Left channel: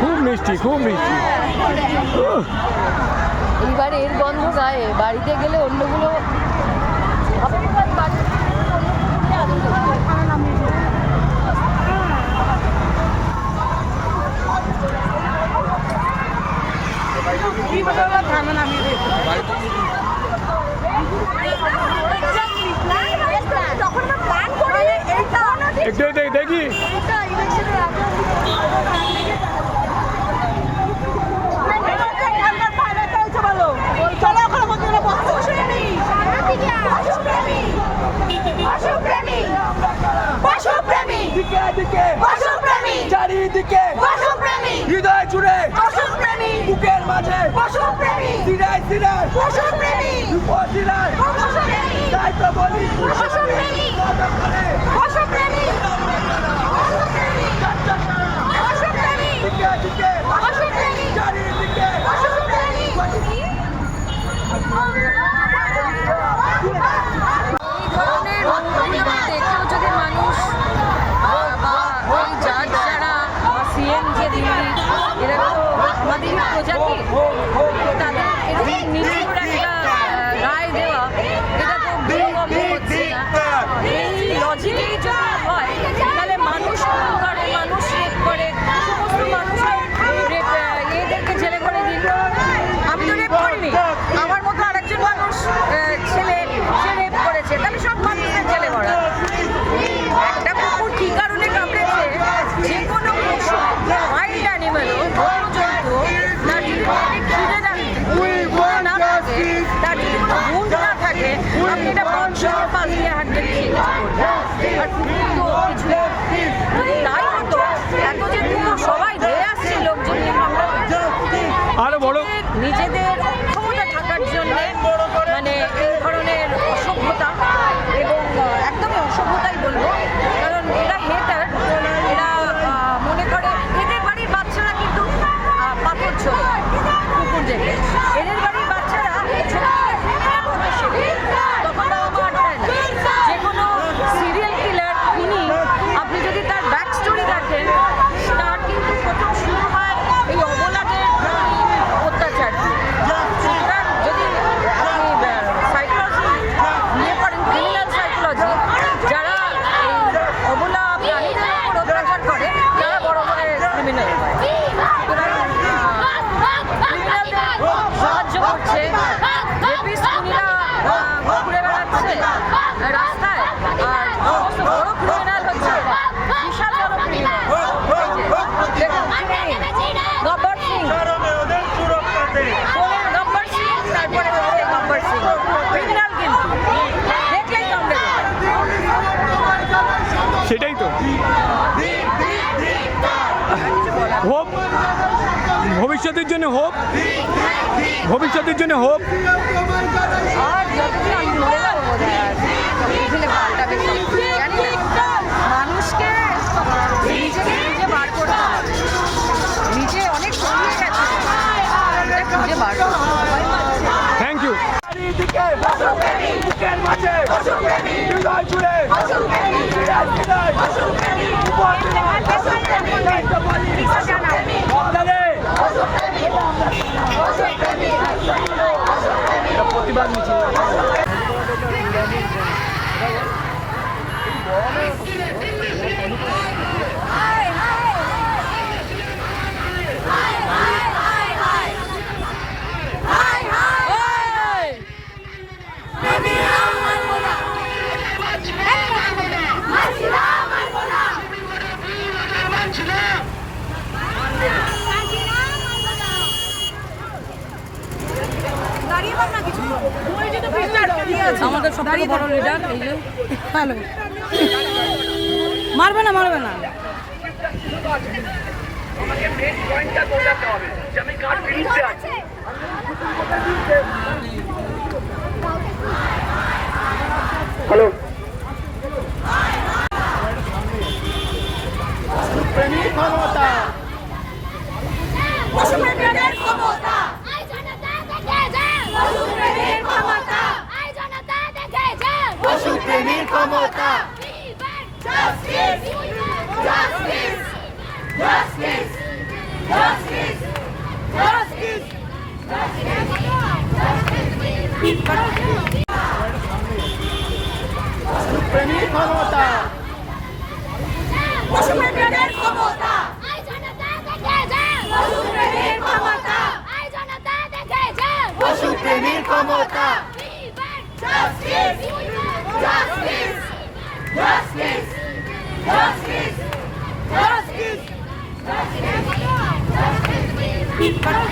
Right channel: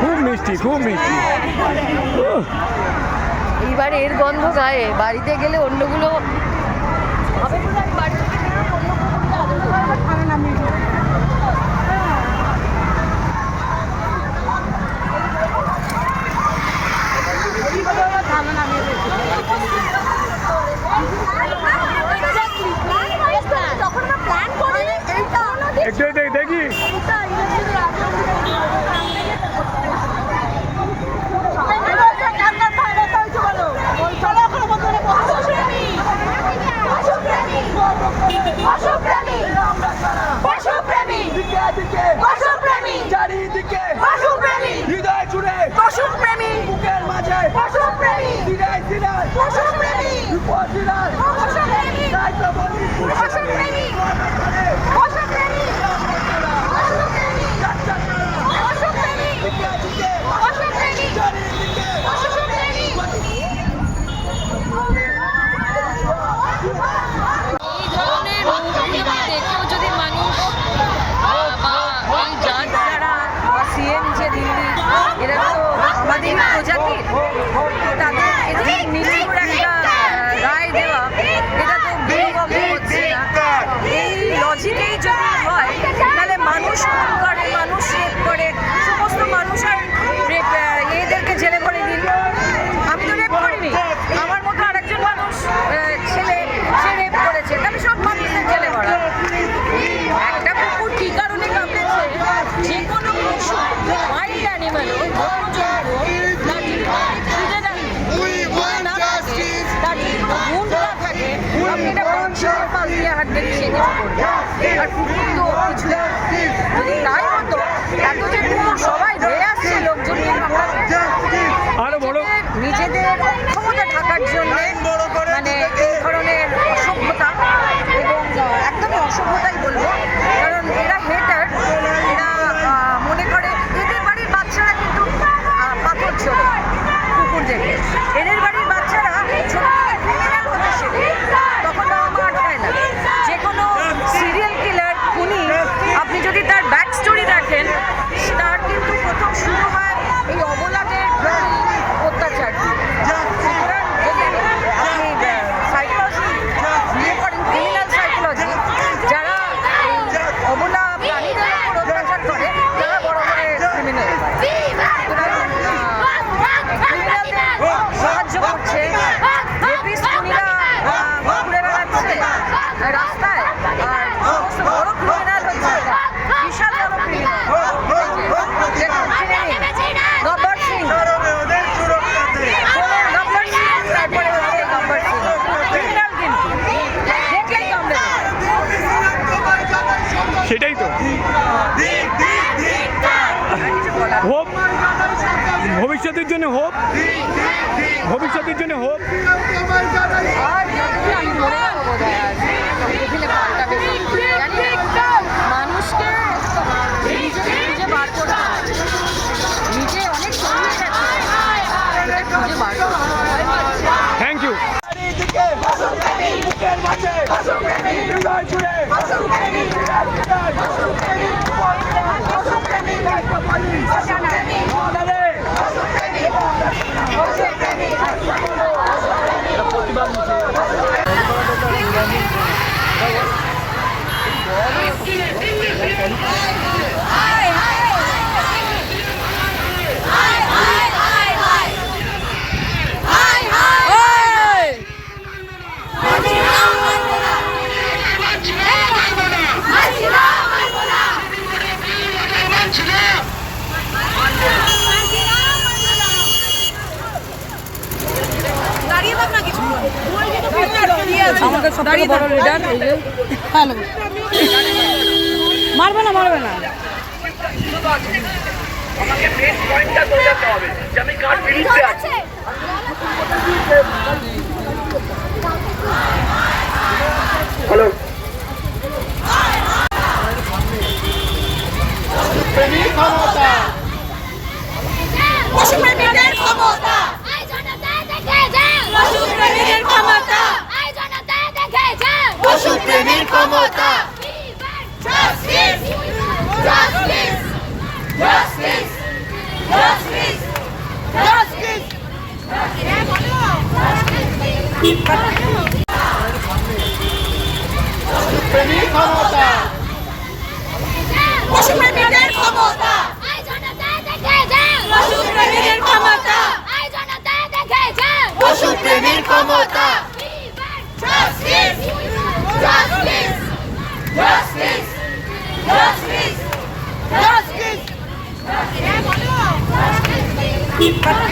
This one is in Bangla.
খুব মিষ্টি খুব মিষ্টি। এইবার এর গন্ধ গায়ে। বাড়িতে গেলে অন্যগুলো একটু দেখি। চারিদিকে পশুপ্রেমী। হৃদয় জুড়ে পশুপ্রেমী। বুকের মাঝে। পশুপ্রেমী। দিনায় দিনায় পশুপ্রেমী। উপজেলার পশুপ্রেমী। দায়িত্ব বলি পশুপ্রেমী পশুপ্রেমী পশুপ্রেমী পশুপ্রেমী দিকে দিকে পশুপ্রেমী চারিদিকে পশুপ্রেমী এই ধরনের রূপগুলোকে দেখেও যদি মানুষ আহ, বা এই জাজ যারা বা সিএম যে দিল্লি এরা তো আমাদের প্রজাতির তো তাদের এরকম নির্ভুল একটা রায় দেওয়া, এটা তো বোধগম্য হচ্ছে না। এই লজিকেই যদি হয়, তাহলে মানুষ করবে। আর কুকুর তো কিছু যদি তাই হতো। এত যে কুকুর সবাই ধরে আসছে লোকজন আরও বড় নিজেদের অক্ষমতা ঢাকার জন্য মানে এই ধরনের অসভ্যতা এবং একদমই অসভ্যতাই বলব। কারণ এরা এরা ক্রিমিনাল সুতরাং ক্রিমিনালদের সাহায্য করছে রাস্তায় তারপরে। সেটাই তো ভবিষ্যতের জন্য হোপ। ভবিষ্যতের জন্য না। মানুষকে নিজে বার করতে হবে। নিজে অনেক ছড়িয়ে গেছে। খুঁজে বার করতে হবে। থ্যাংক ইউ চারিদিকে বুকের মাঝে হৃদয় জুড়ে আমাদের সব থেকে বড় লিডার এই যে। হ্যালো মারবে না মারবে না। পশুপ্রেমীদের ক্ষমতা Justice! Justice! Justice! Justice! Justice! পশুপ্রেমী ক্ষমতা পশুপ্রেমীদের ক্ষমতা পশুপ্রেমীর ক্ষমতা পশুপ্রেমীর ক্ষমতা But